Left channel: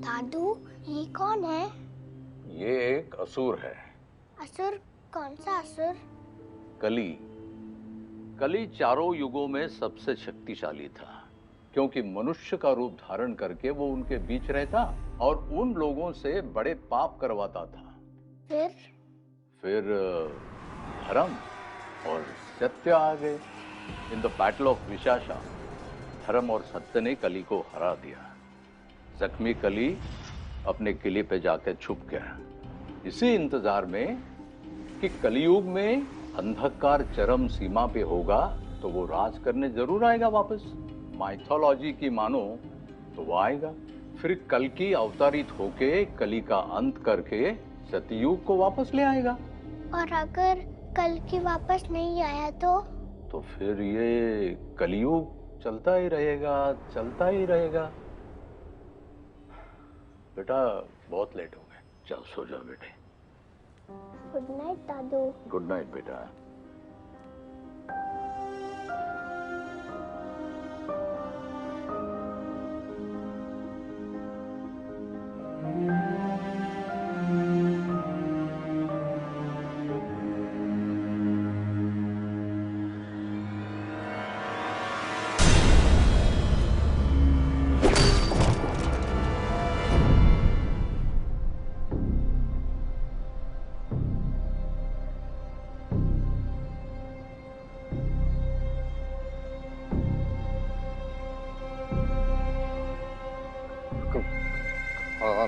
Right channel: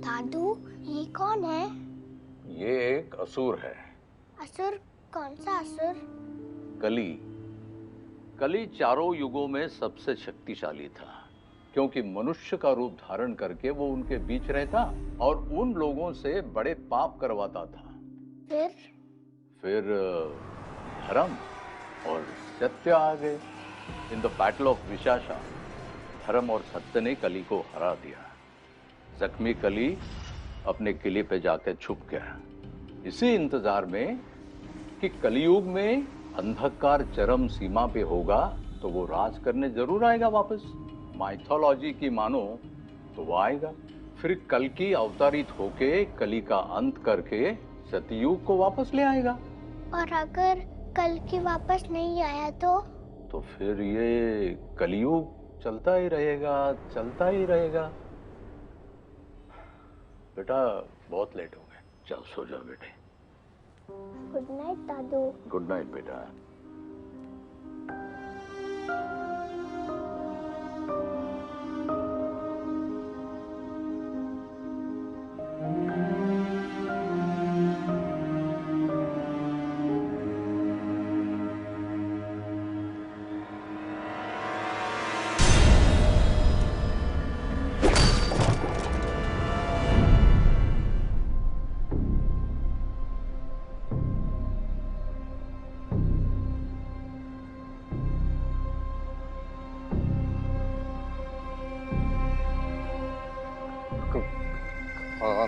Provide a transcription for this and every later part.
दादू, ये कौन है? ये एक असुर है। असुर? कौन सा असुर? कली। कली चारों युगों में सबसे शक्तिशाली था, क्योंकि मनुष्य का रूप धारण करके वो उनके बीच रहता और उन लोगों से बड़े पाप करवाता था। फिर धर्म और सत्य आ गए। In the battle of Vishakha धर्म और सत्य ने कली को हरा दिया। जख्मी कली अपने किले पे जाकर छुप गया, इसी इंतजार में कि कलयुग में अंधकार चरम सीमा पे होगा तो वो राज करने जरूर आएगा वापस। माइथोलॉजी की मानो तो वो आएगा, फिर कल की अवतारित होके कली का अंत करके सतयुग को वापस ले आएगा। और अगर कल की वापस नहीं आया तो फिर ये कलयुग चलता ही रहेगा, चलता ही रहेगा। बेटा बहुत लेट हो गए, चल सो जाओ बेटे। गुड नाइट दादू। गुड नाइट बेटा।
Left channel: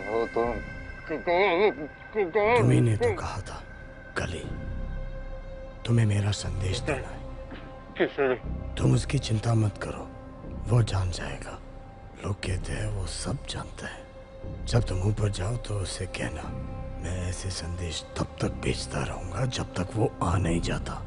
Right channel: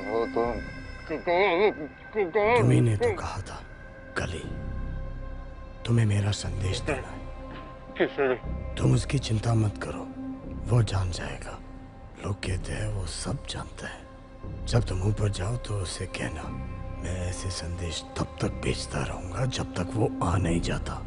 हो तुम? तुम्ही ने तो कहा था कली, तुम्हें मेरा संदेश देना है। किसे? तुम उसकी चिंता मत करो, वो जान जाएगा। लोग कहते हैं वो सब जानता है। जब तुम ऊपर जाओ तो उसे कहना मैं ऐसे संदेश तब तक भेजता रहूंगा जब तक वो आ नहीं जाता।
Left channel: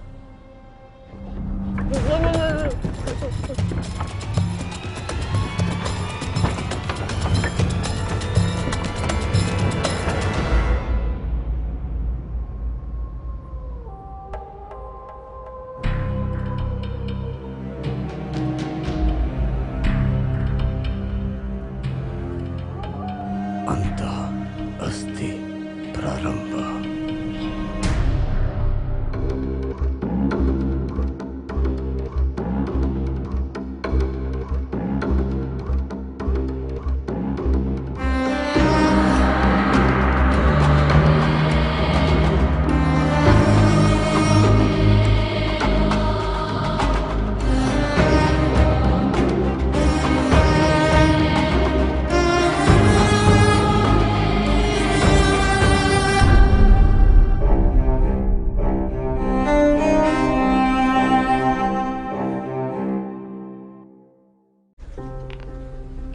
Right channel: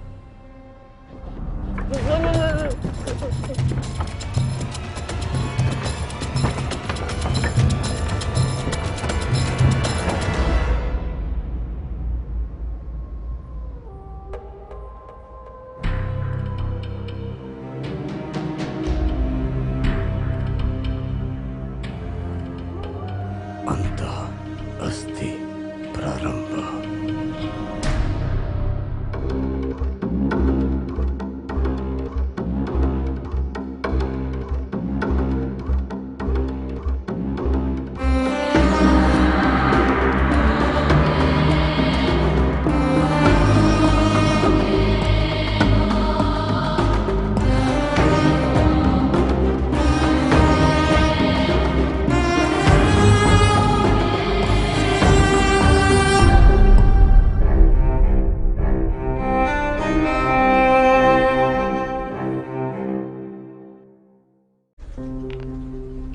अंतः अस्ति प्रारंभ।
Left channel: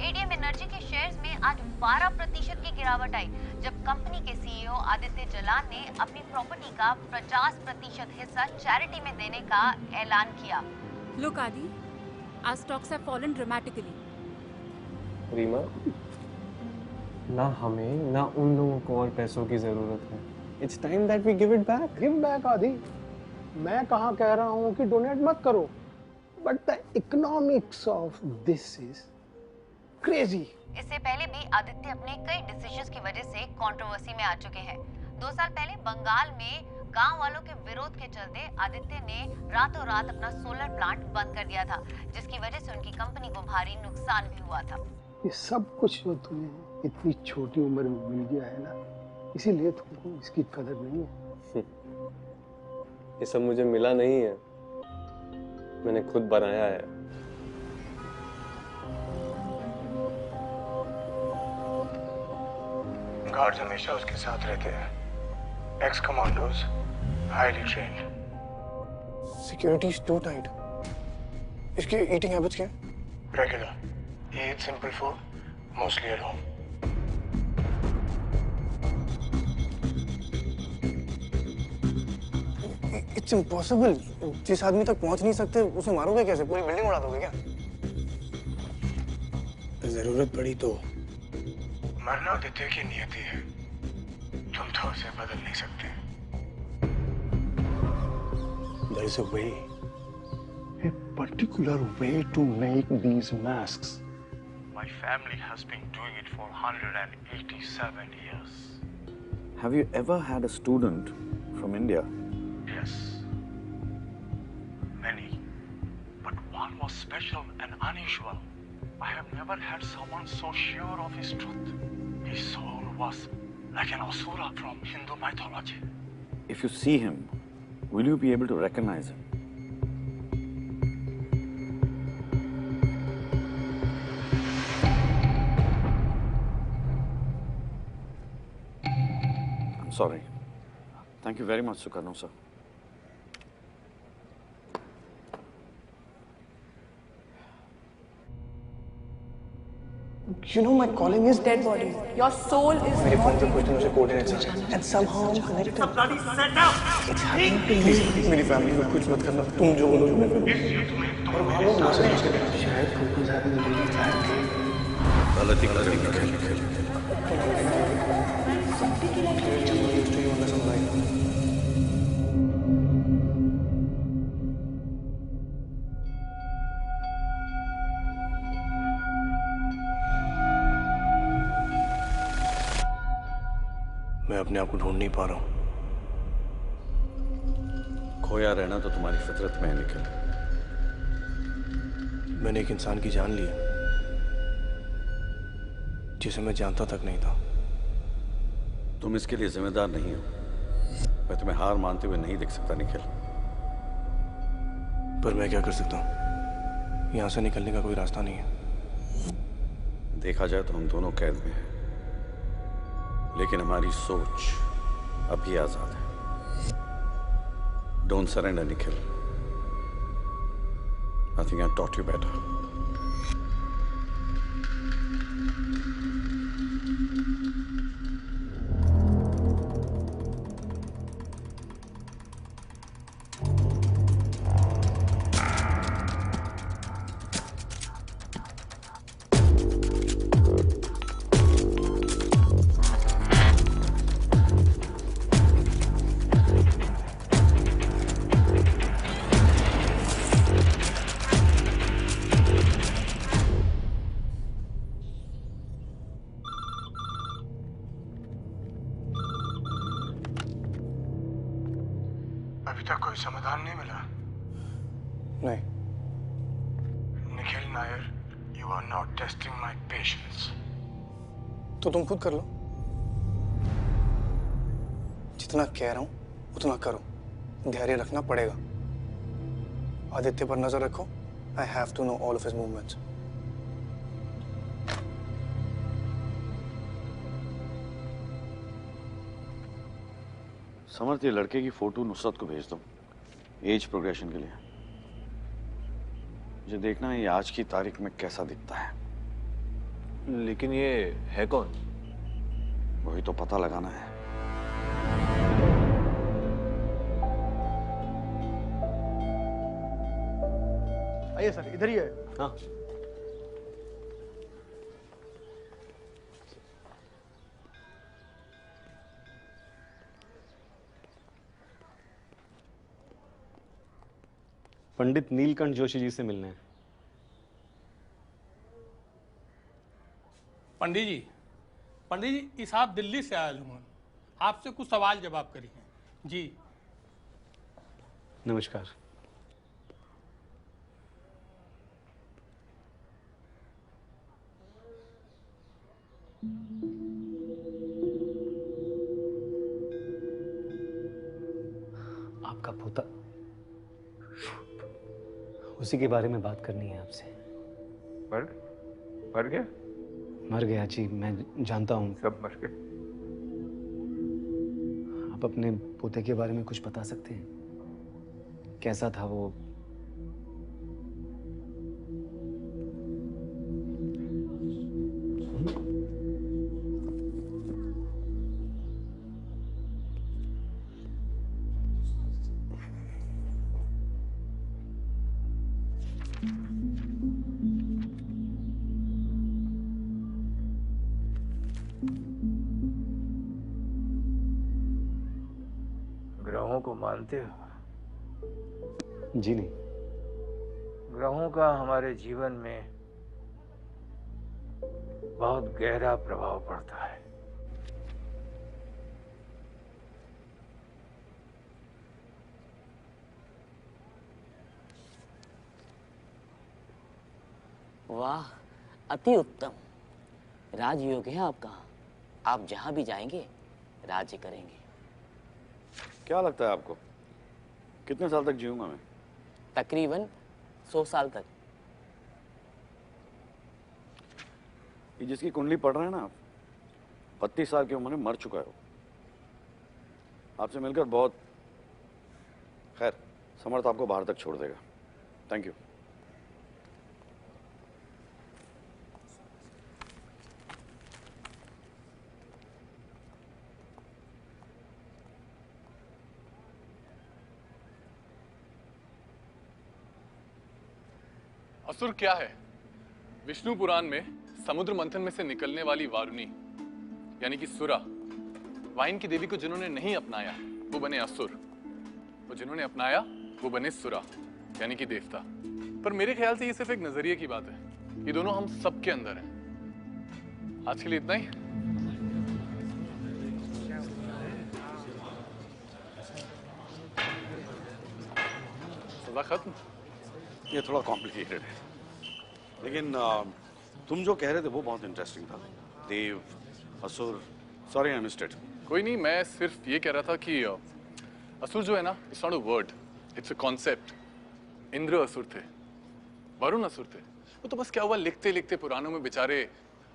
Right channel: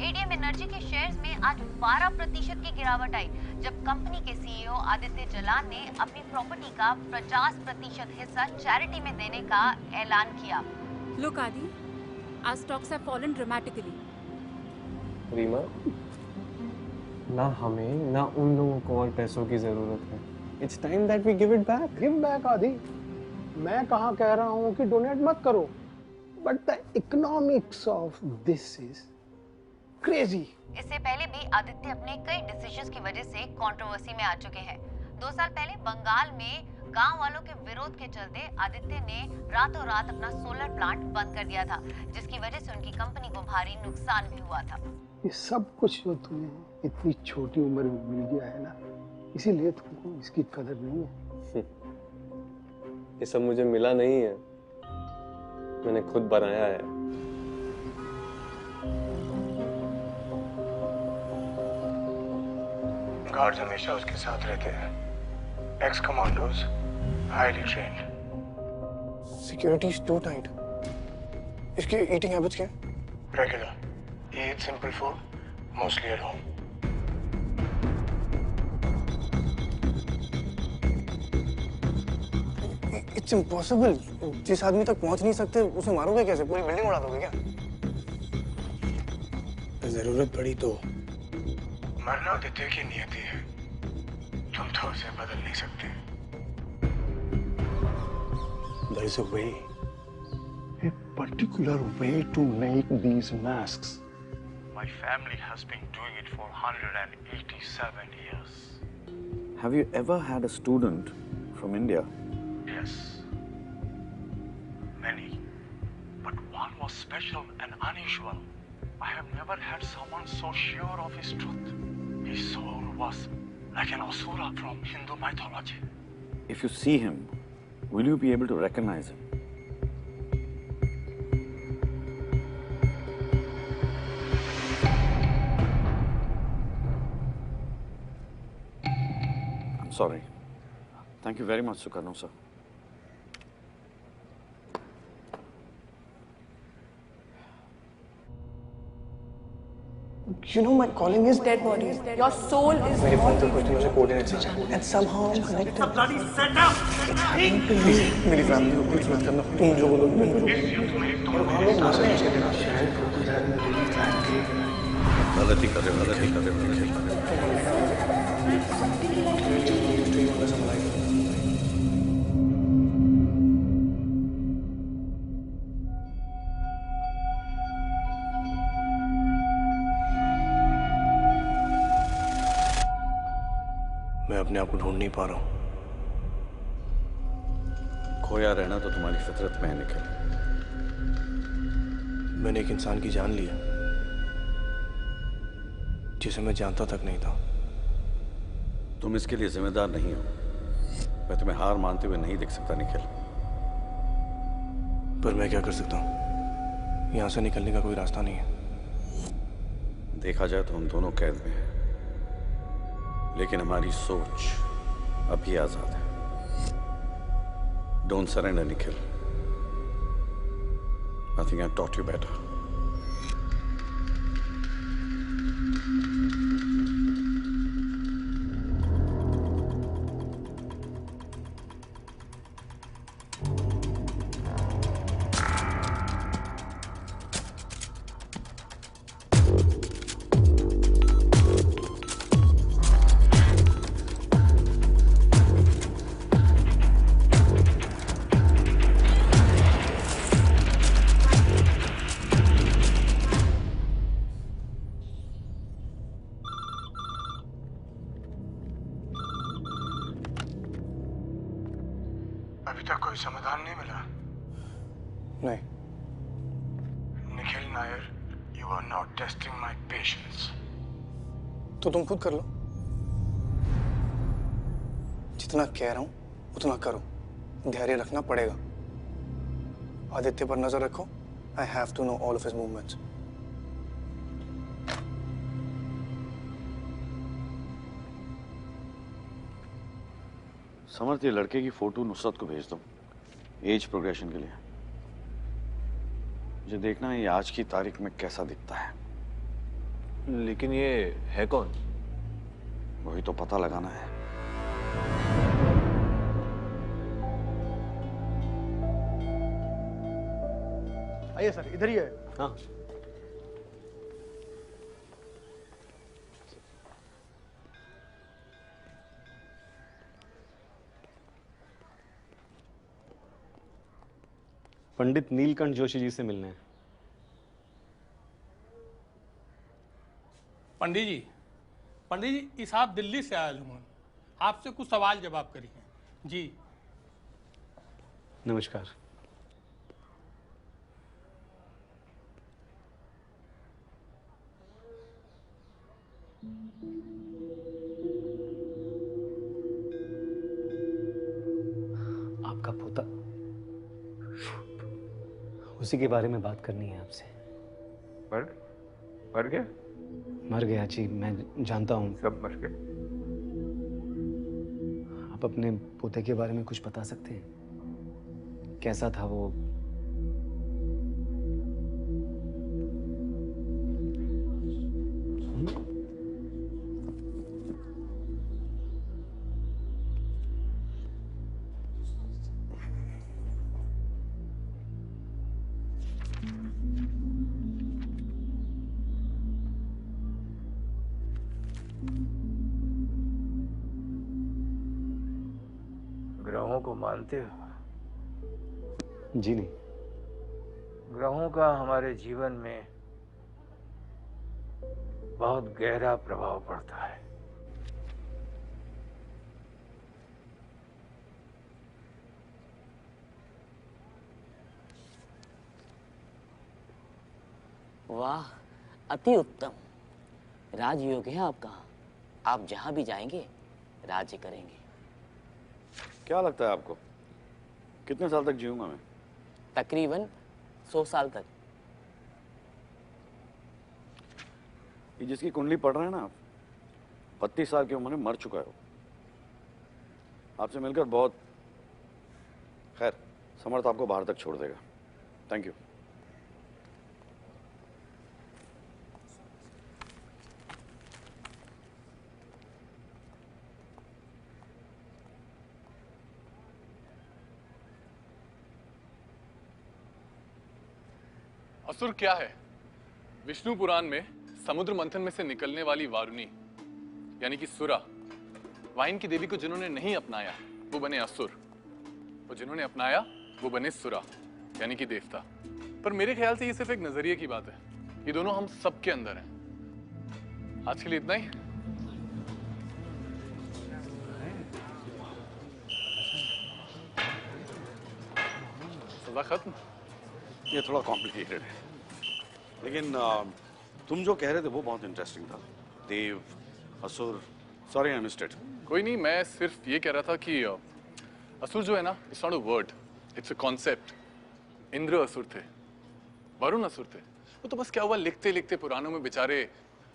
एडीएम एनर्जी के शेयर्स में आज 12% की गिरावट आई, जब कंपनी के सीईओ आदित्य जलान ने अपनी प्रॉपर्टी का 50% हिस्सा चैरिटी में देने का ऐलान किया। Look, Adi, our stocks have fallen dramatically. Reema, ना हमें ना उन लोगों को और पैसों की जरूरत है। It's time that we give it back. Give back, आदि। मैं कहाँ कह रहा हूँ कि डोनेट मत करो, but the economics of this is crazy. इससे पहले भी आदित्य अपने कई डिसीजंस की वजह से कंट्रोवर्सी में आ चुके हैं। 2 साल पहले बंगाल में गांव वालों के विरोध के चलते आदित्य ने रातों रात अपना सोलर प्लांट बंद कर दिया था, जिसकी वजह से उनकी कंपनी को भारी नुकसान भी हुआ था। ये सब कुछ जो तुम्हें इतनी छोटी उम्र में मिल गया है ना, इसीलिए तुमको इसकी कदर नहीं है। ये सब मुझे मिला नहीं है, मैंने खुद बनाया है। गार्ड्स हमेशा उसके साथ रहते हैं, ex commandos, highly trained. Security is too tight. इसकी ईटिंग हैबिट्स क्या है? Regular, he eats simple food, mostly at home. It's impossible. जिस आदमी तक पहुंच नहीं सकते उसे मारोगे कैसे? पूरी बिल्डिंग उड़ा दोगे क्या? जरूरत पड़ी तो। मरना आदित्य की नियति है, तुम तो उसे बदल नहीं सकते। There is a way. A particular way to make these masks. My family has been doing it for 187 years. Have you ever had a student from India? Yes. Many. But one was special and unusual. I have never had someone so sure of his truth. His soul was like an asura from Hindu mythology. If you see him, will you be able to recognize him? I'm sorry. Thank you very much, Sukarno sir. You know my calling is dead bodies. Your soul is मेरे phone not पे even कुछ दिनों से coordinates आ रहे हैं and somehow I'm connected. It's a bloody setup! It's happening to me. Please मेरी family को कुछ मत करना तुम जो बोलोगे मैं करूँ इस युद्ध में तुम और वहाँ लोग मर रहे हैं शायद focus having really flat game गलती कर रहे हो Nikhil Clearly I'm not used to you unless I'm alive. मैं अपने आप को ढूंढ नहीं पा रहा हूँ खोया रहना तो तुम्हारी फितरत में है निखिल। मैंने एक इंसान की जान ली है जिसे मैं जानता तक नहीं था। तुम इसके लिए जिम्मेदार नहीं हो। मैं तुम्हें हार मानते हुए नहीं देख सकता निखिल। पर मैं क्या कर सकता हूँ? यहाँ से निकलने का कोई रास्ता नहीं है। देखा जाए तो हम दोनों कैद में हैं, लेकिन हमारी सोच अभी आजाद है। Don't surrender Nikhil. I think I taught you better. अभी तक कोई समाधान नहीं मिला। नहीं। Nikhil Nair, you are not testing my patience. तो तुम खुद कर लो। जितना कह रहा हूँ उतना करो। धैर्य रखना पड़ेगा। आदित्य पर नजर रखो। I have to know all of his movements. समर्थ, ये लड़के की फोटो नुसरत को भेज दो एज प्रोग्रेशन के लिए। मुझे देखना है ये आज की तारीख में कैसा दिखता है। लेकिन ये है कौन? वही तो पता लगाना है। आइए सर, इधर ही है। हाँ। पंडित नीलकंठ जोशी जी से मिलने हैं। पंडित जी, इस आप दिल्ली से आए हूँ, आपसे कुछ सवाल जवाब करिए। जी नमस्कार। आपका पोता, उसी के बारे में बात करनी है आपसे। मर गया? मर गया जी, मैं जानता हूँ। सब मर गए। आप अपने पोते के बारे में कुछ बता सकते हैं? कैसा था वो? ग्रहों को मानते हो? जी नहीं। ग्रहों का हमारे जीवन में बहुत गहरा प्रभाव पड़ता है। वाह, अति उत्तम। राजयोग है आपका। आप जहां भी जाएंगे राज्य करेंगे। क्या लगता है आपको कितने साल तक जीऊंगा मैं? तकरीबन 100 साल तक। ये जिसकी कुंडली पढ़ रहे हैं ना आप, 32 साल की उम्र में मर चुका है वो। आपसे मिलकर बहुत, खैर समर्थ आपको बाहर तक छोड़ देगा। Thank you. असुर क्या है? विष्णु पुराण में समुद्र मंथन में से निकलने वाली वारुणी यानी कि सुरा, वाइन की देवी को जिन्होंने नहीं अपनाया वो बने असुर, और जिन्होंने अपनाया वो बने सुरा यानी कि देवता। पर मेरे ख्याल से ये सिर्फ एक नजरिए की बात है। ये दोनों हम सबके अंदर हैं। आज के लिए इतना ही। सजा खत्म। ये थोड़ा कॉम्प्लिकेटेड है, लेकिन तुम जो कह रहे थे वो बहुत इंटरेस्टिंग था। देव, असुर, सॉरी आई मिस्ड इट। कोई नहीं, मैं सिर्फ ये कह रहा था कि असुर जो है ना, it's not a word, it's a concept. Indra असुर थे, वरुण असुर थे। वो तो बस क्या हुआ, लिखते लिखते पुराणों में बेचारे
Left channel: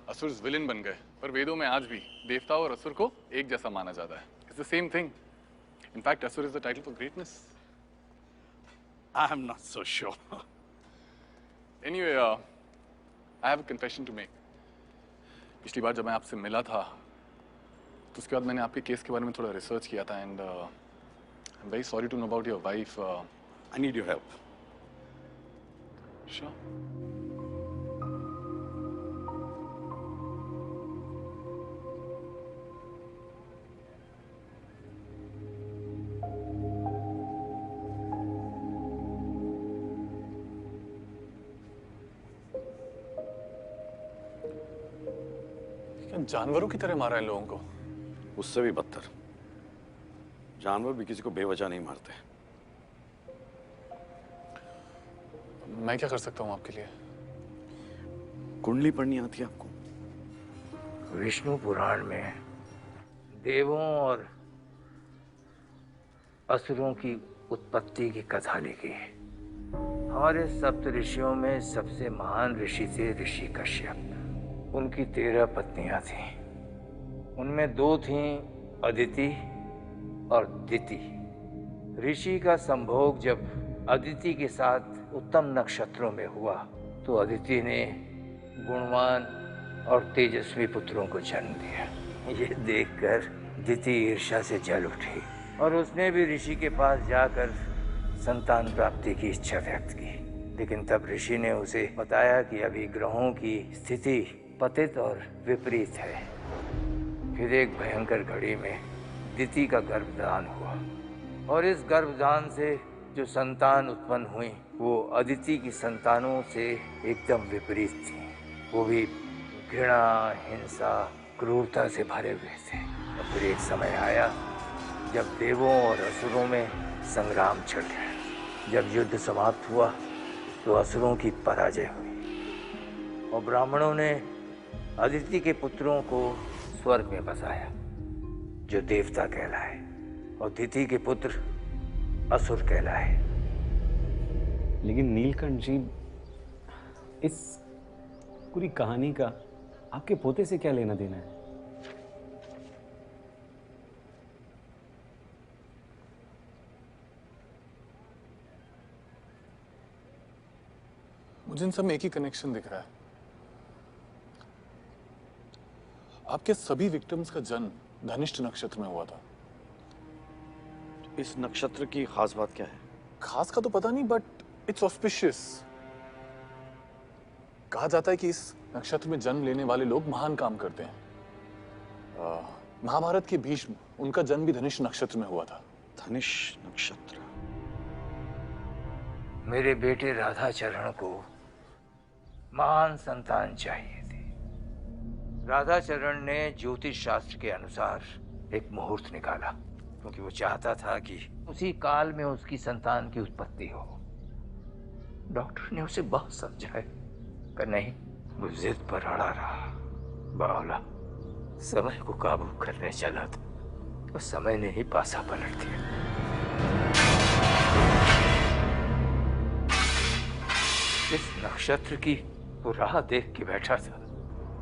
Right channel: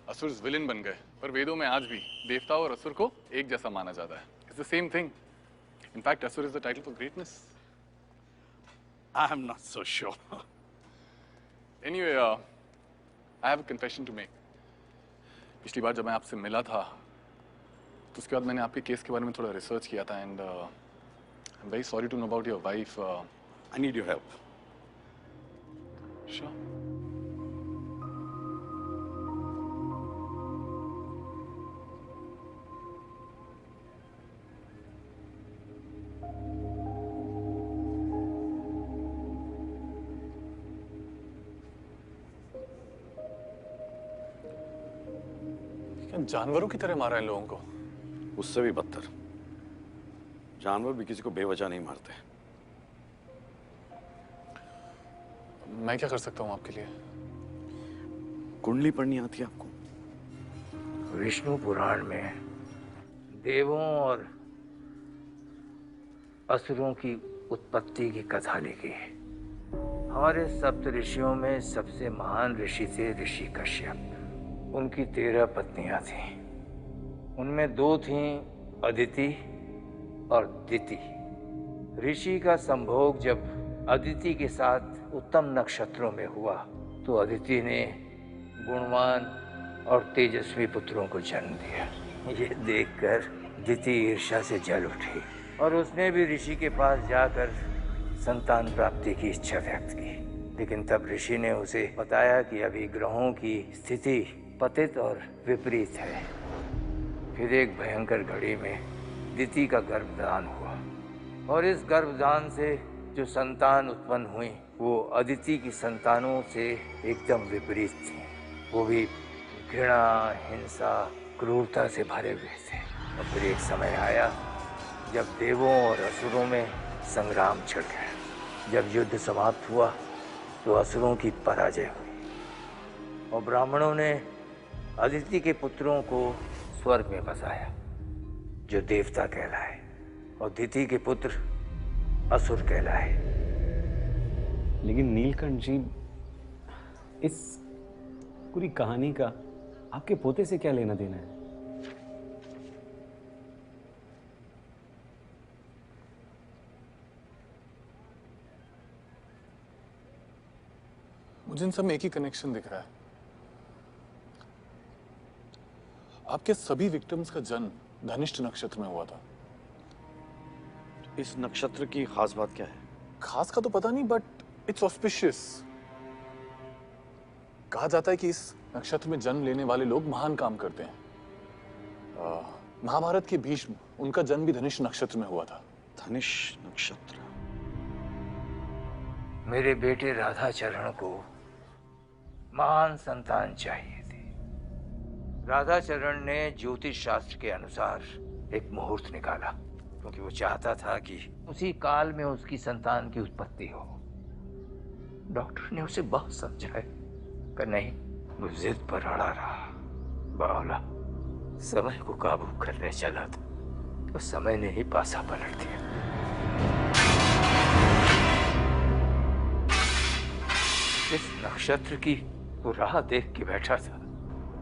असुर विलेन बन गए। पर वेदों में आज भी देवता और असुर को एक जैसा माना जाता है। It's the same thing. In fact asura is the title for greatness. I am not so sure. Anyway, I have a confession to make. पिछली बार जब मैं आपसे मिला था तो उसके बाद मैंने आपके केस के बारे में थोड़ा रिसर्च किया था and I am very sorry to know about your wife. I need your help. Sure. जानवरों की तरह मारा है लोगों को। उससे भी बदतर। जानवर भी किसी को बेवजह नहीं मारते। मैं क्या कर सकता हूँ आपके लिए? कुंडली पढ़नी आती है आपको? विष्णु पुराण में देवों और असुरों की उत्पत्ति की कथा लिखी है। हमारे सप्त ऋषियों में सबसे महान ऋषि थे ऋषि कश्यप। उनकी 13 पत्नियां थीं। उनमें 2 थीं अदिति और दिति। ऋषि का संभोग जब अदिति के साथ उत्तम नक्षत्रों में हुआ तो अदिति ने गुणवान और तेजस्वी पुत्रों को जन्म दिया। ये देखकर दिति ईर्ष्या से जल उठी और उसने भी ऋषि के पास जाकर संतान प्राप्ति की इच्छा व्यक्त की। लेकिन तब ऋषि ने उसे बताया कि अभी ग्रहों की स्थिति पतित और विपरीत है। फिर एक भयंकर घड़ी में दिति का गर्भदान हुआ और इस गर्भदान से जो संतान उत्पन्न हुई वो अदिति की संतानों से एकदम विपरीत थी। वो भी घृणा, हिंसा, क्रूरता से भरे हुए थे। और फिर एक समय आया जब देवों और असुरों में संग्राम छिड़ गया। जब युद्ध समाप्त हुआ तो असुरों की पराजय हुई और ब्राह्मणों ने अदिति के पुत्रों को स्वर्ग में बसाया जो देवता कहलाए और दिति के पुत्र असुर कहलाए। लेकिन नीलकंठ जी, इस पूरी कहानी का आपके पोते से क्या लेना देना है? मुझे इन सब में एक ही कनेक्शन दिख रहा है। आपके सभी विक्टिम्स का जन्म धनिष्ठ नक्षत्र में हुआ था। इस नक्षत्र की खास बात क्या है? खास का तो पता नहीं, बट इट्स ऑस्पिशियस। कहा जाता है कि इस नक्षत्र में जन्म लेने वाले लोग महान काम करते हैं। महाभारत के भीष्म, उनका जन्म भी धनिष्ठ नक्षत्र में हुआ था। धनिष्ठ नक्षत्र। मेरे बेटे राधाचरण को महान संतान चाहिए थी, राधाचरण ने ज्योतिष शास्त्र के अनुसार एक मुहूर्त निकाला, क्योंकि वो चाहता था कि उसी काल में उसकी संतान की उत्पत्ति हो। डॉक्टर ने उसे बहुत समझाया, पर नहीं, वो जिद पर अड़ा रहा। बावला समय को काबू करने चला था, तो समय ने ही पासा पलट दिया। इस नक्षत्र की वो राह देख के बैठा था,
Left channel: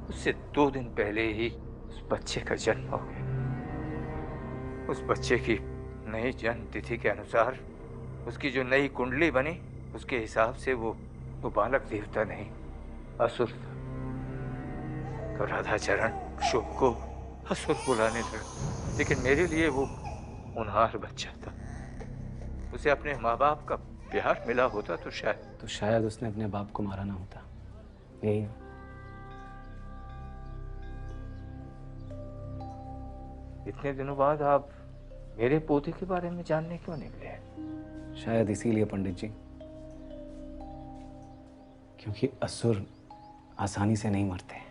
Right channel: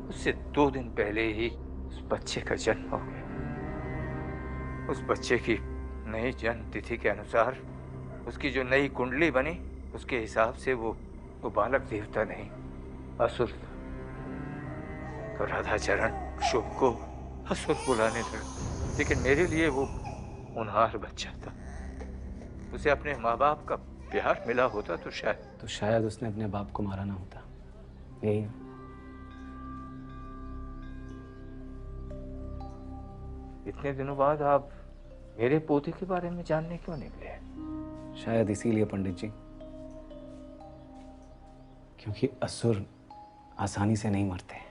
उससे 2 दिन पहले ही उस बच्चे का जन्म हो गया। उस बच्चे की नई जन्म तिथि के अनुसार उसकी जो नई कुंडली बनी, उसके हिसाब से वो बालक देवता नहीं, असुर था। तो राधाचरण शुभ को असुर बुलाने लगा, लेकिन मेरे लिए वो होनहार बच्चा था। उसे अपने माँ बाप का प्यार मिला होता तो शायद उसने अपने बाप को मारा ना होता। यही है। इतने दिनों बाद आप मेरे पोते के बारे में जानने क्यों निकले? शायद इसीलिए पंडित जी, क्योंकि असुर आसानी से नहीं मरते।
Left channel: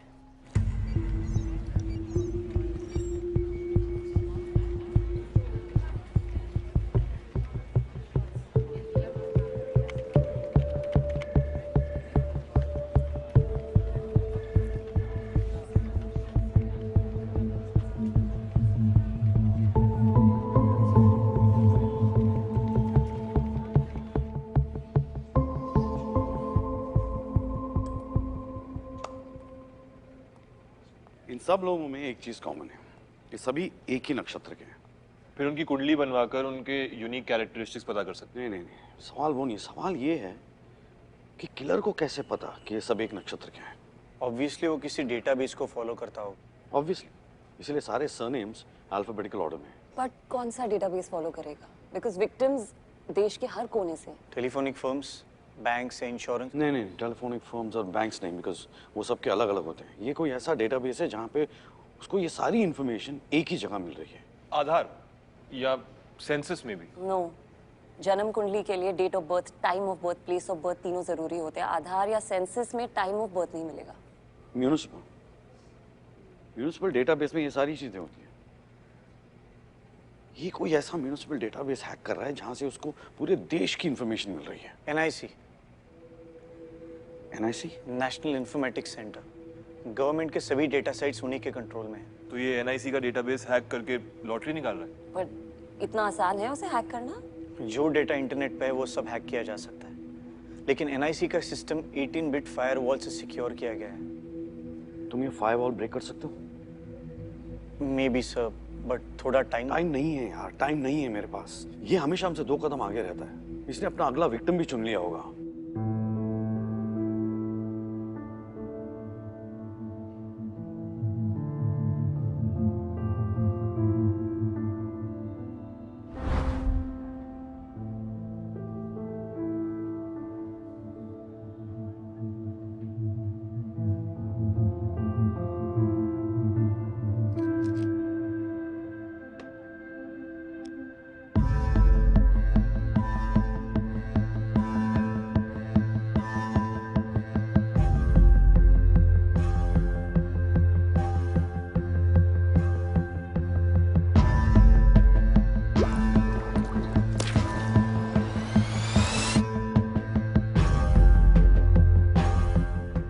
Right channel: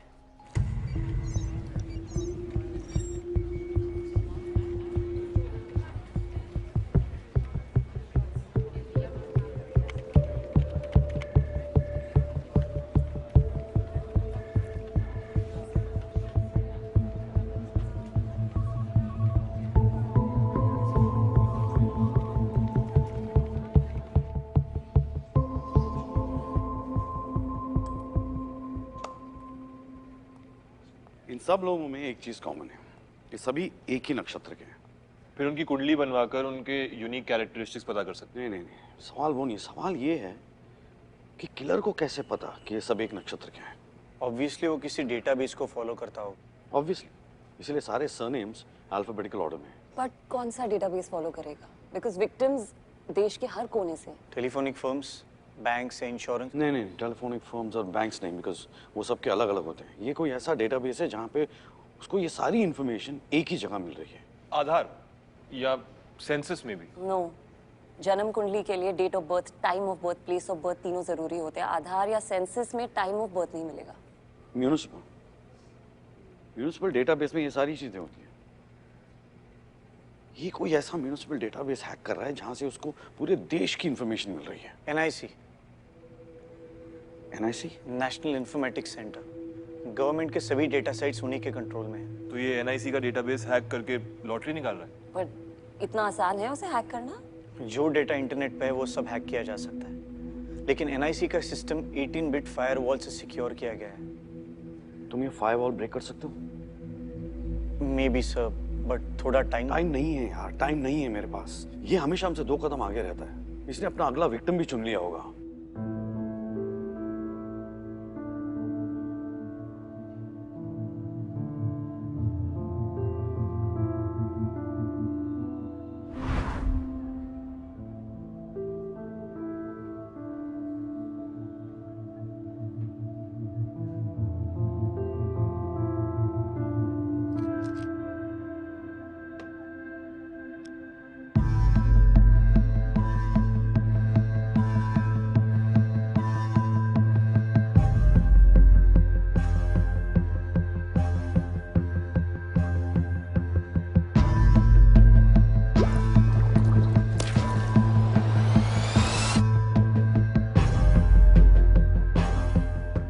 इन सब लोगों में एक चीज कॉमन है, ये सभी एक ही नक्षत्र के हैं। फिर उनकी कुंडली बनवाकर उनके यूनिक कैरेक्टरिस्टिक्स पता कर सकते हैं। नहीं, सवाल वो नहीं, सवाल ये है कि किलर को कैसे पता कि ये सब एक नक्षत्र के हैं। ऑब्वियसली वो किसी डेटाबेस को फॉलो करता हो। ऑब्वियसली, इसलिए सारे सरनेम्स अल्फाबेटिकल ऑर्डर में हैं। बट कौन सा डेटाबेस फॉलो करेगा? बिकॉज विक्टिम्स देश के हर कोने से। Telephonic firms, banks, insurance? नहीं, टेलीफोनिक फर्म्स और बैंक्स नहीं, बिकॉज वो सबके अलग अलग होते हैं। ये कोई ऐसा डेटाबेस है जहाँ पे उसको ये सारी इंफॉर्मेशन एक ही जगह मिल रही है। आधार या सेंसस में भी? नो, जन्म कुंडली के लिए date of birth, time of birth, place of birth तीनों जरूरी होते हैं। आधार या सेंसस में टाइम ऑफ बर्थ नहीं मिलेगा। म्यूनिसिपल डेटाबेस में ये सारी चीजें होती हैं। ये कोई ऐसा म्यूनिसिपल डेटाबेस हैक कर रहा है जहां से उसको पूरे देश की इंफॉर्मेशन मिल रही है। NIC, national informatics centre, government के सभी डेटा सेट्स उन्हीं के कंट्रोल में है। तो ये एनआईसी का डेटाबेस हैक करके लॉटरी निकाल रहा है? पर इतना आसान है उसे हैक करना? जो डेटा इंटरनेट पे है वो सब हैक किया जा सकता है, लेकिन एनआईसी का सिस्टम 18 बिट फायरवॉल से सिक्योर किया गया है। तुम ये फायरवॉल ब्रेक कर सकते हो? मे बी सर, बट थोड़ा टाइम नहीं है यार, टाइम नहीं है मेरे पास। ये हमेशा हमसे 2 कदम आगे रहता है। इसने अपना अगला विक्टिम भी चुन लिया होगा।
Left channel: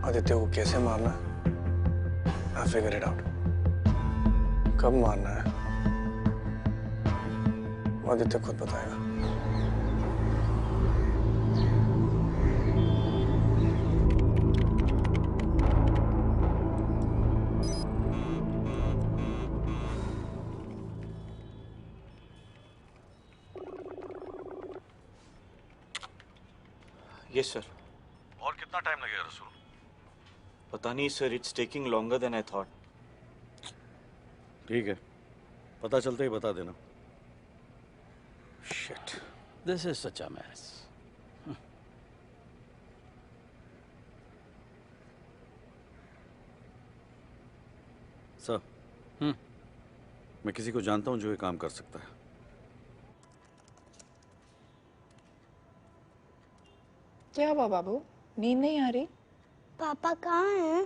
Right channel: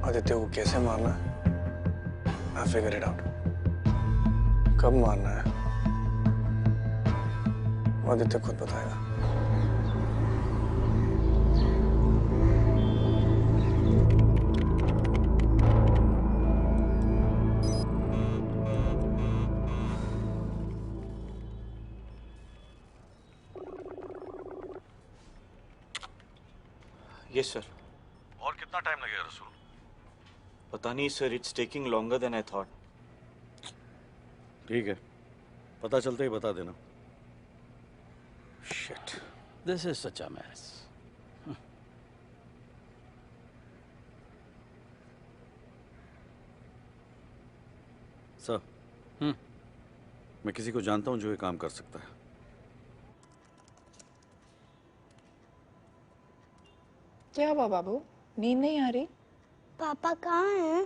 आदित्य को कैसे मारना है? I figure it out. कब मारना है वो आदित्य खुद बताएगा। Yes sir. और कितना टाइम लगेगा रसूल? पता नहीं sir, it's taking longer than I thought. ठीक है, पता चलते ही बता देना। Shit, this is such a mess. Sir, मैं किसी को जानता हूं जो ये काम कर सकता है। क्या हुआ बाबू, नींद नहीं आ रही? पापा कहाँ हैं?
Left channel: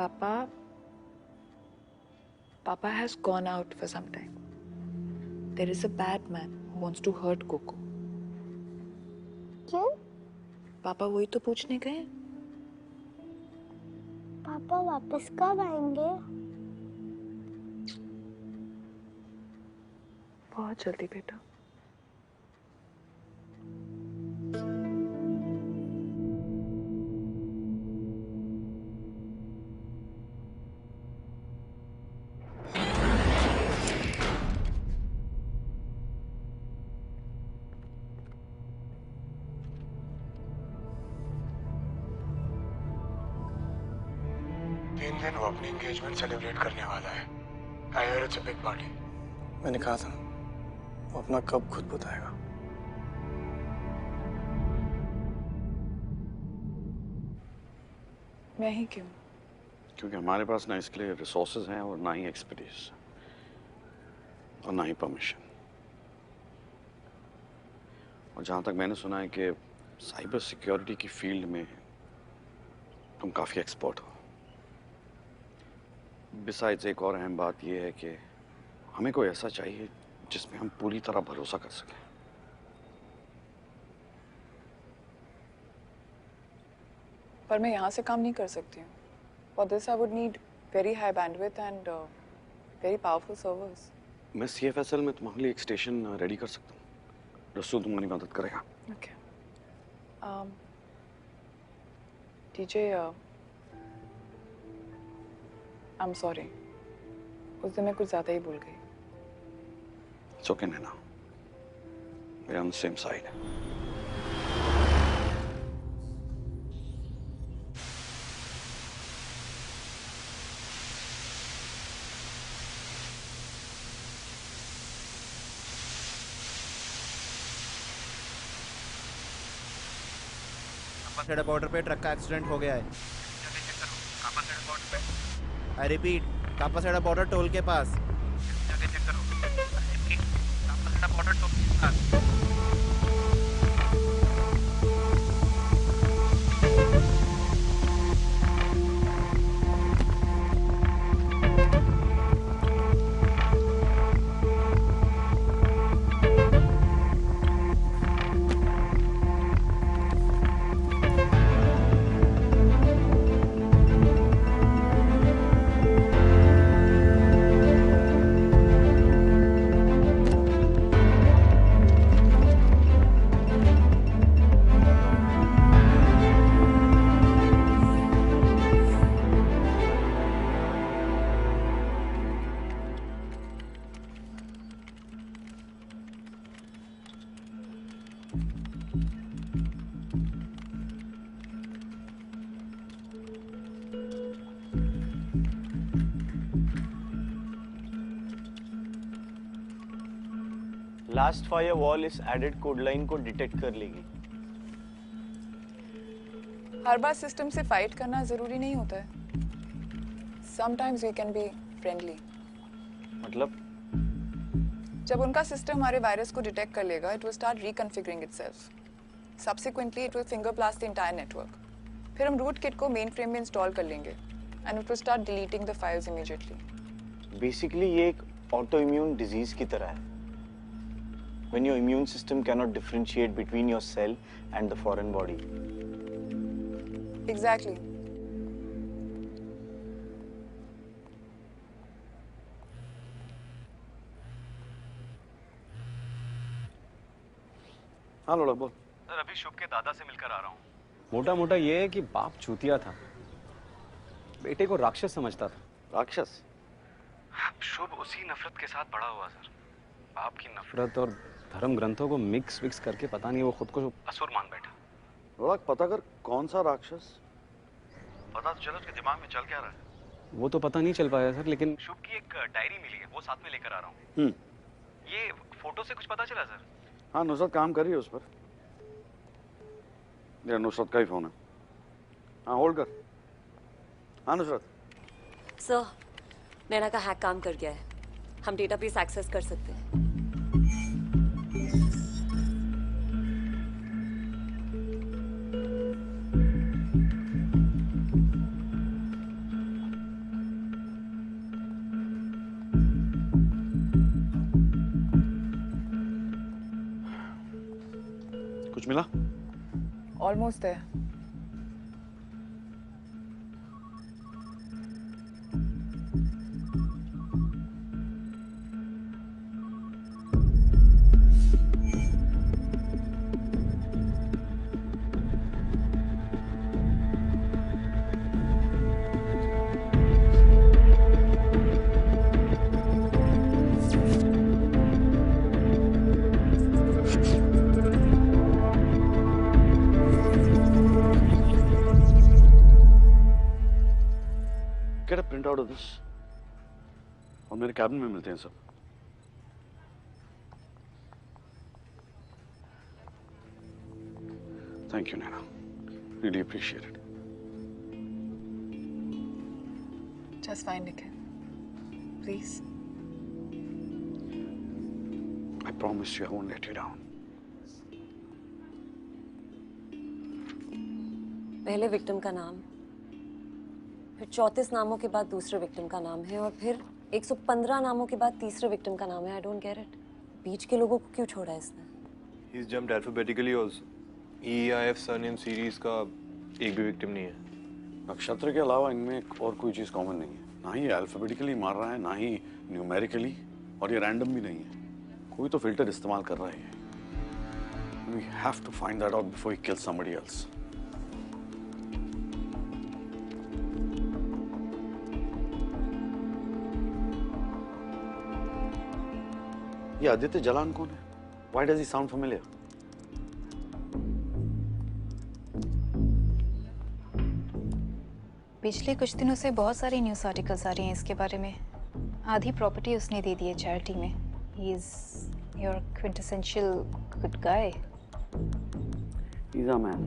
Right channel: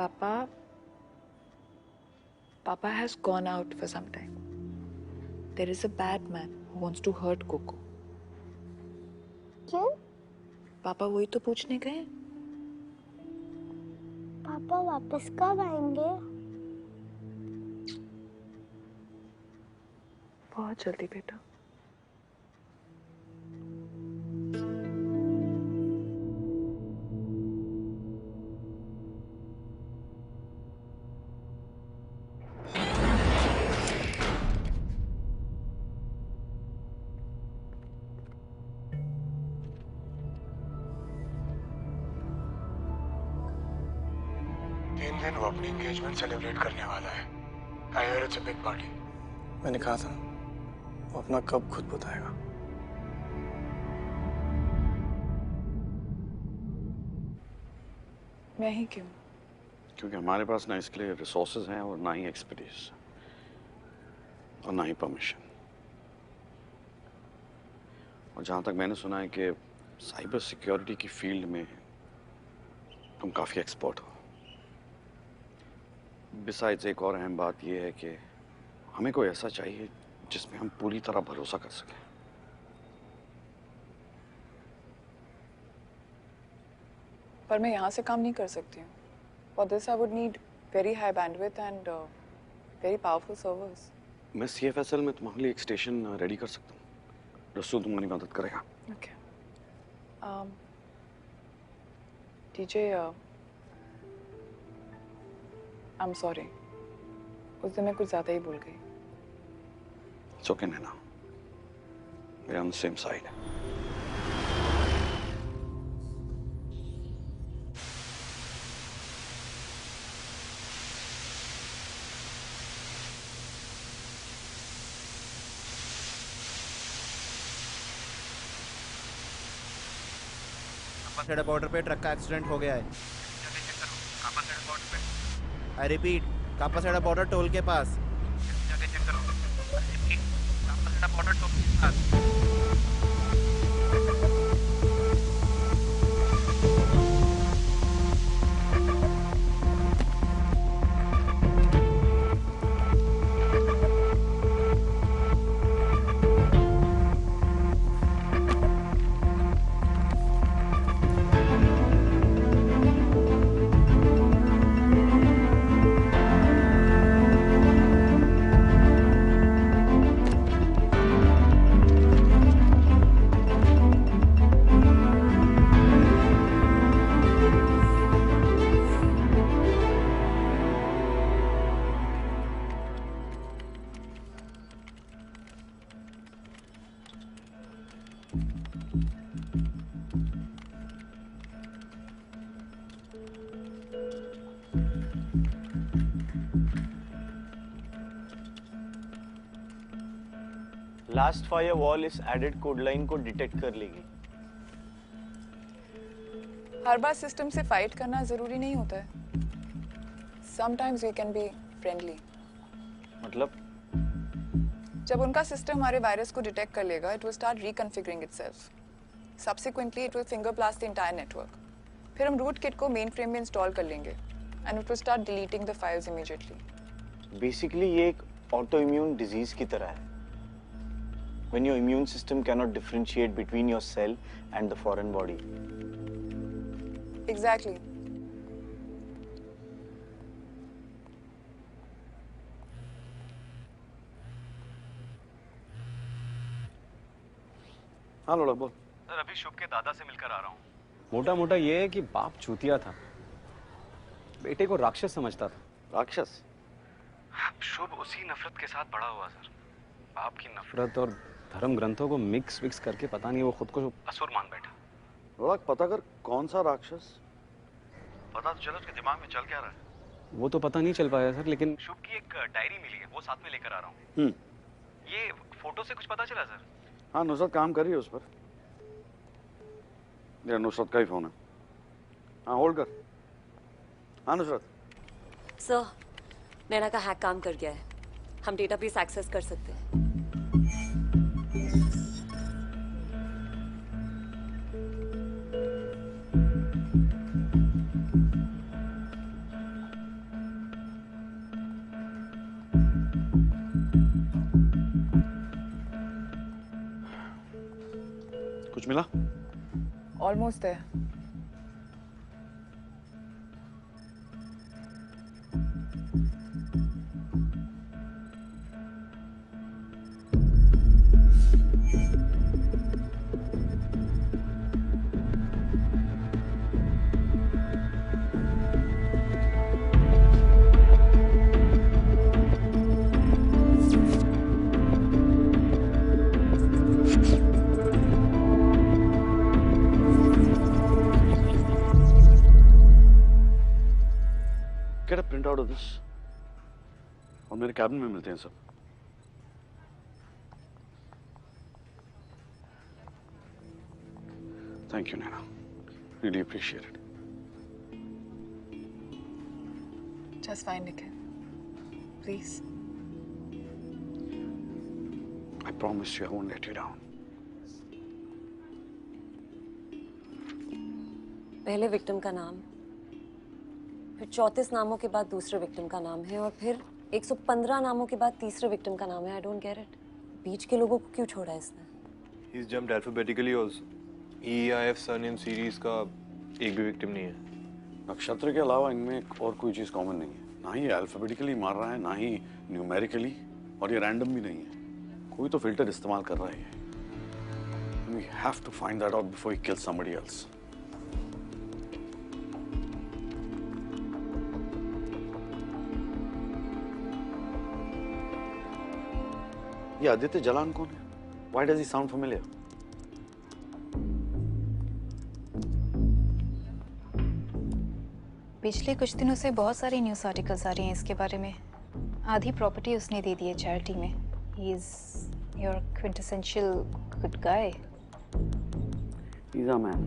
Papa has gone out for some time. There is a bad man who wants to hurt Coco. क्यों? पापा वही तो पूछने गए। पापा वापस कब आएंगे? बहुत जल्दी बेटा। वो अपनी एंगेजमेंट सेलिब्रेट करने वाला है। I heard it's a big party. मैंने कहा था वो अपना कब खुद बताएगा। मैं ही क्यों? क्योंकि हमारे पास ना इसके लिए रिसोर्सेज हैं और ना ही एक्सपर्टीज और ना ही परमिशन। और जहाँ तक मैंने सुना है कि साइबर सिक्योरिटी की फील्ड में तुम काफ़ी एक्सपर्ट हो। बिसाइड्स एक और अहम बात यह है कि हमें कोई ऐसा चाहिए जिसमें हम पूरी तरह भरोसा कर सकें। पर मैं यहाँ से काम नहीं कर सकती हूँ। For this I would need very high bandwidth and very powerful servers. मैं CFSL में तुम्हारे लिए एक स्टेशन रेडी कर सकता हूँ। रसूल तुम्हारी मदद करेगा। Okay. DJ, I'm sorry. उस दिन मैं कुछ ज़्यादा ही भूल गई। It's okay, Naina. We're on the same side. Kapashera border पे ट्रक का एक्सीडेंट हो गया है। I repeat, Kapashera border toll के पास। कापासेड़ा बॉर्डर टोल के पास। लास्ट फायर वॉल इस एडेड कोड लाइन को डिटेक्ट कर लेगी। हर बार सिस्टम से फाइट करना जरूरी नहीं होता है। Sometimes we can be friendly. मतलब? जब उनका सिस्टम हमारे वायरस को डिटेक्ट कर लेगा, it will start reconfiguring itself. Subsequently, it will finger blast the entire network. फिर हम रूट किट को मेन फ्रेम में इंस्टॉल कर लेंगे, and it will start deleting the files immediately. Basically, ये एक autoimmune disease की तरह है। When your immune system cannot differentiate between your cell and the foreign body. Exactly. हाँ लोड़ा बोल। सर अभी शुभ के दादा से मिलकर आ रहा हूँ। मोटा मोटा ये है कि बाप चूतिया था, बेटे को राक्षस समझता था। राक्षस? शुभ उसी नफरत के साथ बड़ा हुआ सर। बाप की नफरत और धर्म ग्रंथों को मिक्स करके पता नहीं वो खुद को असुर मान बैठा। लोड़ा पता कर कौन सा राक्षस? पता तो चलो उसके दिमाग में चल क्या रहा है। वो तो पता नहीं चल पाया सर, लेकिन शुभ की एक डायरी मिली है, वो साथ में लेकर आ रहा हूँ। ये फोटो से कुछ पता चला सर? हाँ नुसरत काम कर रही है उस पर। ये नुसरत का ही फोन है। हाँ होल्ड कर। हाँ नुसरत। सर, नैना का हैक काम कर गया है। हम डेटाबेस एक्सेस कर सकते हैं। कुछ मिला? ऑलमोस्ट है। Get a print out of this. और मेरे कैबिन में मिलते हैं सब। Thank you, Naina. Really appreciate it. Just fine, Nikhil. Please. I promise you I won't let you down. पहले विक्टिम का नाम, फिर 34 नामों के बाद दूसरे विक्टिम का नाम है और फिर 115 नामों के बाद तीसरे विक्टिम का नाम है। I don't get it. बीच के लोगों को क्यों छोड़ा इसने? He's jumped alphabetically also. EIF surname series का एक भी विक्टिम नहीं है। नक्षत्र के अलावा इनमें और कोई चीज कॉमन नहीं है। ना ही अल्फाबेटिकली मार रहा है, ना ही न्यूमेरिकली, और ये रैंडम भी नहीं है। कोई तो फिल्टर इस्तेमाल कर रहा है। We have to find that out before he kills somebody else. ये आदित्य जलान कौन है? Why does he sound familiar? पिछले कुछ दिनों से बहुत सारी न्यूज़ आर्टिकल्स आ रही हैं इसके बारे में। आधी प्रॉपर्टी उसने दे दी है चैरिटी में। He is your quintessential good guy. He's a man.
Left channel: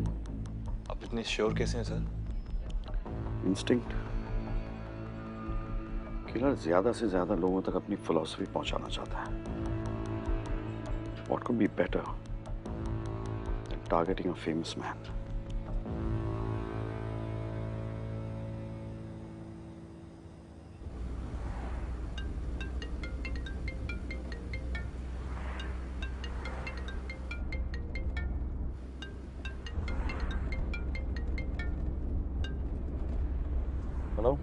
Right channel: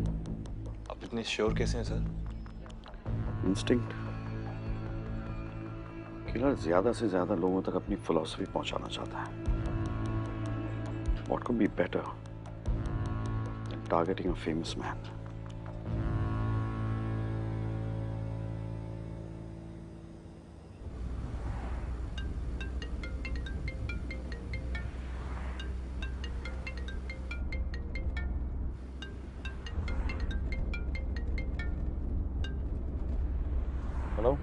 आप इतने श्योर कैसे हैं सर? Instinct. किलर ज्यादा से ज्यादा लोगों तक अपनी फिलॉसफी पहुंचाना चाहता है। What could be better than targeting a famous man? Hello?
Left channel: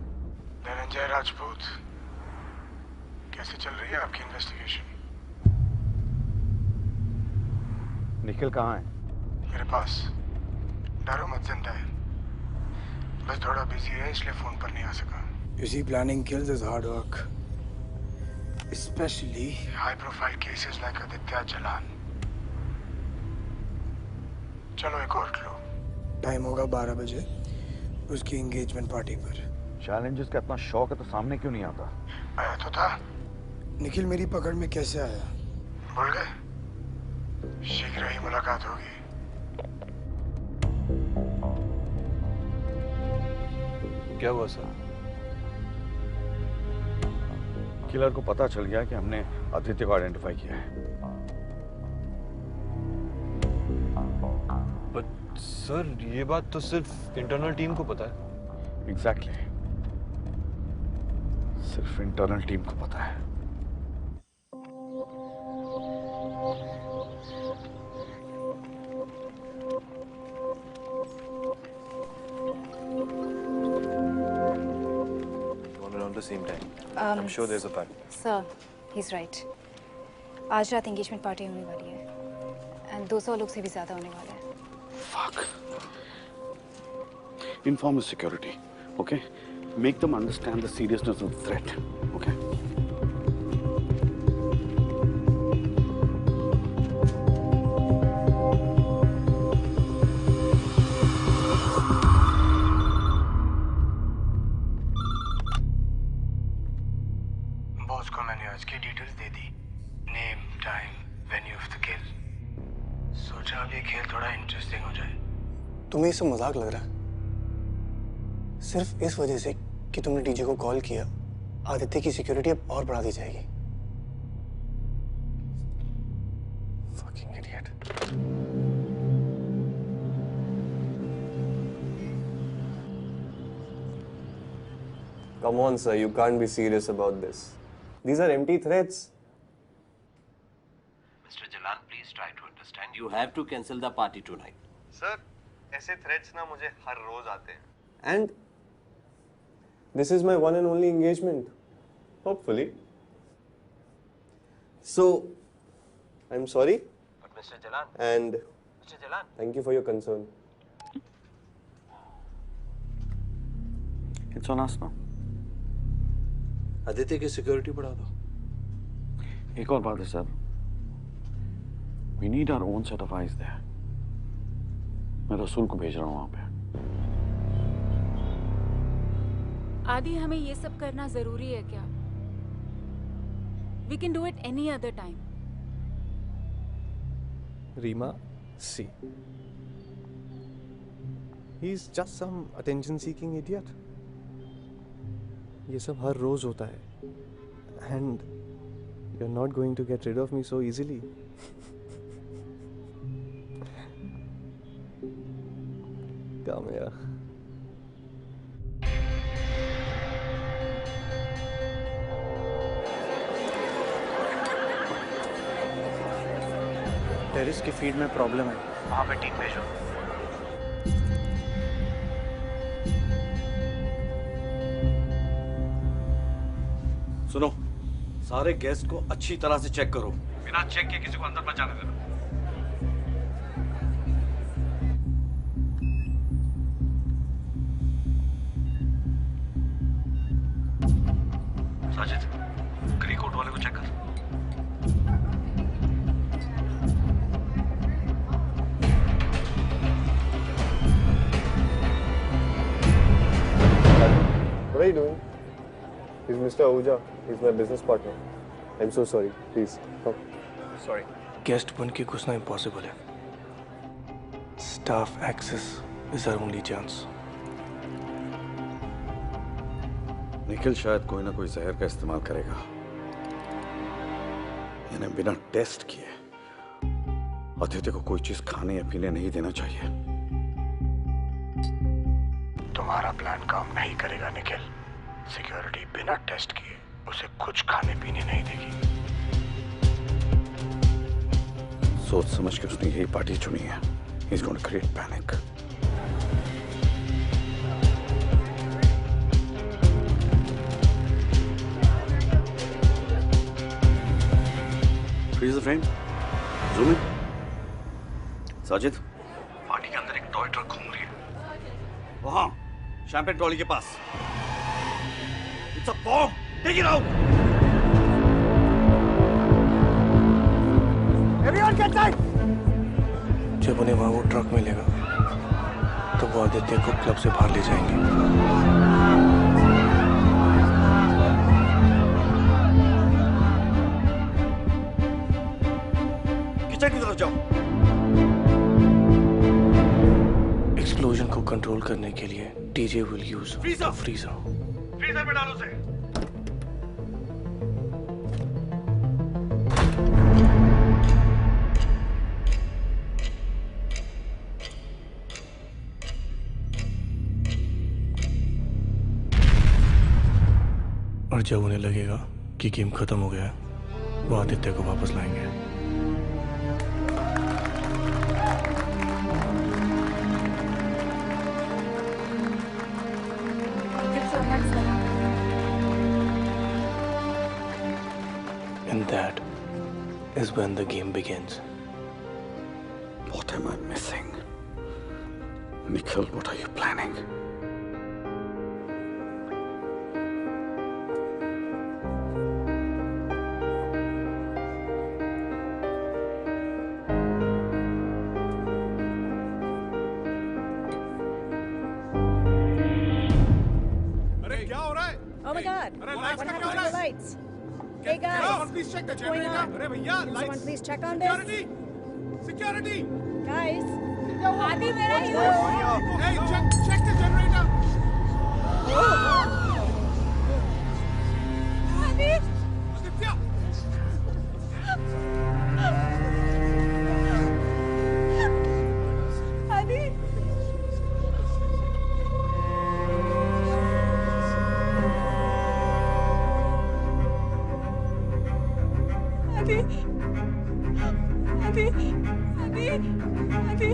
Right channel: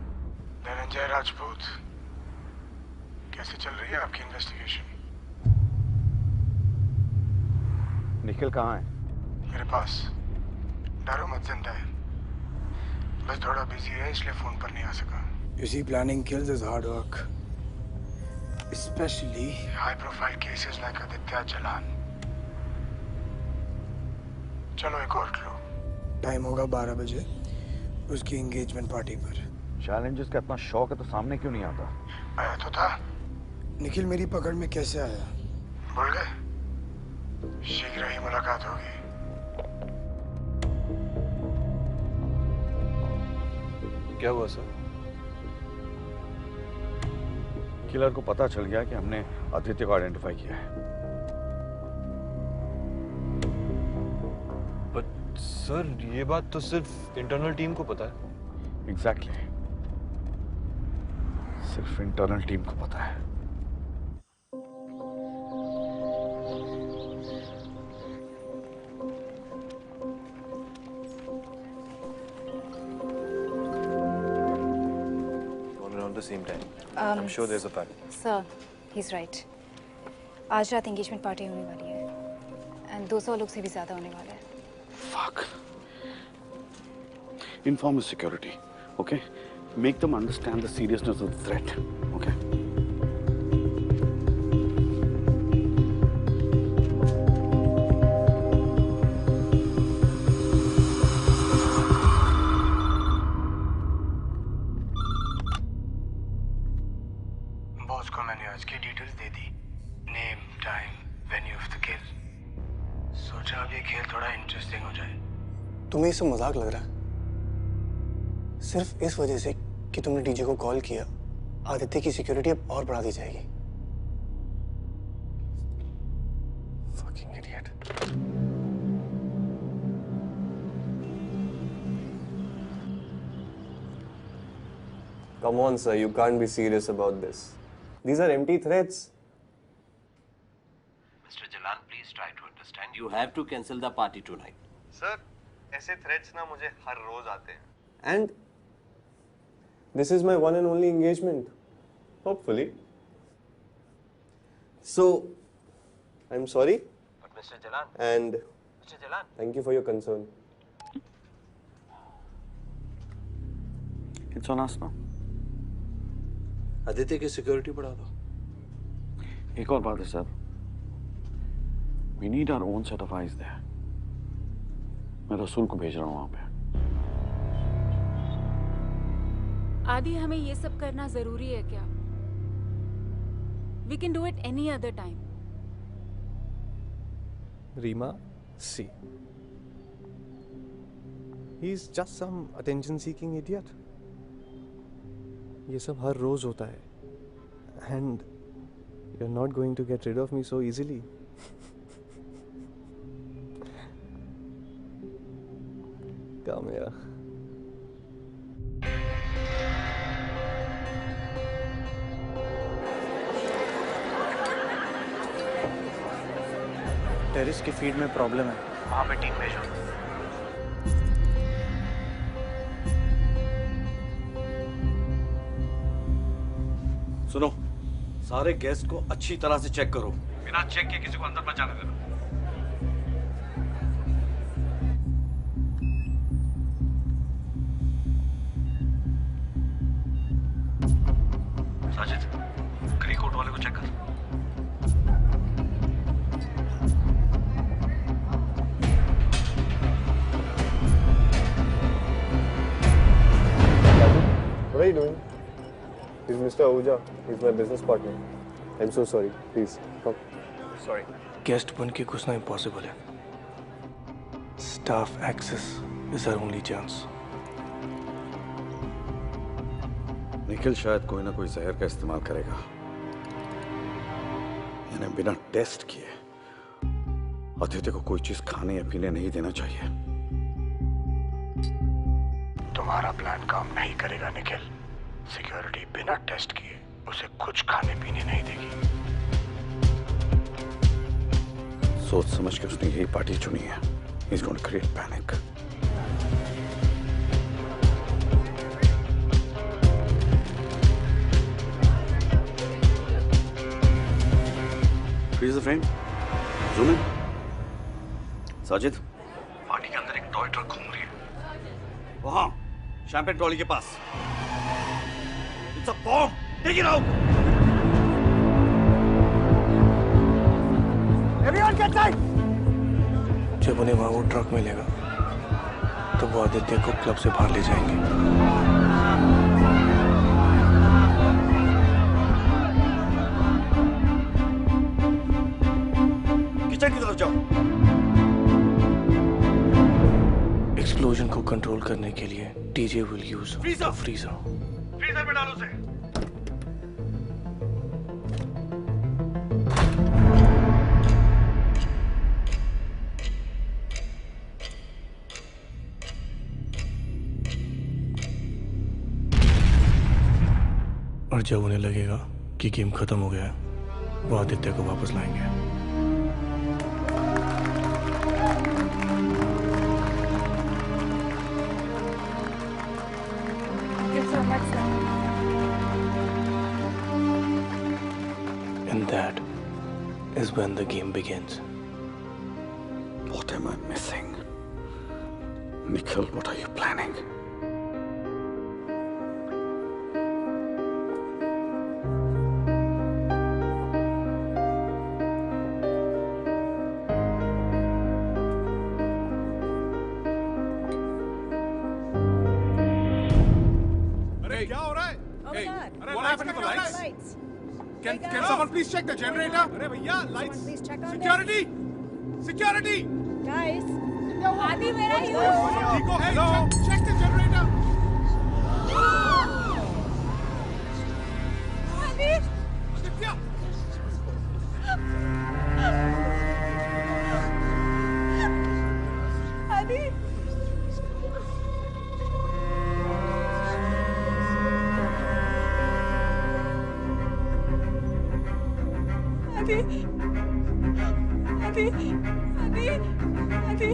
Dhananjay Rajput, कैसे चल रही है आपकी इन्वेस्टिगेशन? निखिल कहाँ है? मेरे पास। डरो मत, जिंदा है। बस थोड़ा बिजी है इसलिए फोन पर नहीं आ सका। You see, planning kills is hard work, especially high-profile cases like Aditya Jalan. चलो एक और क्लू। टाइम होगा 12 बजे उसकी एंगेजमेंट पार्टी पर। चैलेंजेस का इतना शौक है तो सामने क्यों नहीं आता? आया तो था। निखिल मेरी पकड़ में कैसे आया? भूल गए? शीघ्र ही मुलाकात होगी। क्या हुआ सर? किलर को पता चल गया कि हमने आदित्य को आइडेंटिफाई किया है। बट सर ये बात तो सिर्फ इंटरनल टीम को पता है। एग्जैक्टली। सिर्फ इंटरनल टीम को पता है। Around the same time. I'm sure there's a pattern. Sir, he's right. आज रात एंगेजमेंट पार्टी होने वाली है एंड 200 लोग से भी ज्यादा होने वाले हैं। Fuck. Inform his security, okay? Make them understand the seriousness of the threat, okay? Boss को मैंने आज की details they the. Name, time, venue of the किल। सोचा अब ये खेल थोड़ा इंटरेस्टिंग हो जाए। तुम्हें ये सब मजाक लग रहा है? सिर्फ इस वजह से कि तुमने डीजे को कॉल किया, आदित्य की सिक्योरिटी अब और बढ़ा दी जाएगी। Fucking idiot. Come on, sir. You can't be serious about this. These are empty threats. Mr. Jalan, please try to understand. understand. You have to cancel the party tonight. Sir ऐसे threats ना मुझे हर रोज आते हैं. And this is my one and only engagement. Hopefully. So, I'm sorry. But Mr. Jalan. And Mr. Jalan. thank you for your concern. It's on us now. Aditya की security बढ़ा दो. एक और बात है sir. We need our own set of eyes there. मैं रसूल को भेज रहा हूँ वहाँ पे. आदि हमें ये सब करना जरूरी है क्या? We can do it any other time. Reema, see. He's just some attention-seeking idiot. ये सब हर रोज होता है. And you're not going to get rid of me so easily. Come here. Terrace की फीड में प्रॉब्लम है, वहाँ पे टीम भेजो. सुनो, सारे गेस्ट को अच्छी तरह से चेक करो. बिना चेक के किसी को अंदर मत जाने देना. साजिद, ग्री कोट वाले को चेक कर. What are you doing? He's Mr. Ahuja. He's my business partner. I'm so sorry. Please, come. Sorry. Guest बन के घुसना impossible है. Staff access is our only chance. Nikhil शायद कोई ना कोई जहर का इस्तेमाल करेगा. इन्हें बिना टेस्ट किए आदित्य को कोई चीज खाने या पीने नहीं देना चाहिए. तुम्हारा प्लान काम नहीं करेगा निखिल. सिक्योरिटी बिना टेस्ट किए उसे कुछ खाने पीने नहीं देगी. सोच समझ के उसने यही पार्टी चुनी है. He's going to create panic. Freeze the frame. Zoom in. Sajid, party के अंदर एक टॉय ट्रक घूम रही है. वहां शैंपेन ट्रॉली के पास. It's a bomb. Take it out. Everyone get tight. जब उन्हें वहां वो ट्रक मिलेगा, तो वो आदित्य को क्लब से बाहर ले जाएंगे. किचन की तरफ जाओ. एक्सप्लोजन को कंट्रोल करने के लिए DJ will use freezer. Freezer में डालो उसे. और जब उन्हें लगेगा कि गेम खत्म हो गया है, वो आदित्य को वापस लाएंगे. And that is when the game begins. What am I missing? Nikhil, what are you planning? अरे क्या हो रहा है? Oh my God! अरे लाइट्स का क्या हो रहा है? Lights. Can someone please check the generator? अरे भैया Someone lights. please check on Security. Security. this. Guys. Adi, where are you? Hey, check the generator. Adi. Aditya. Adi. Adi. आदि आदि आदि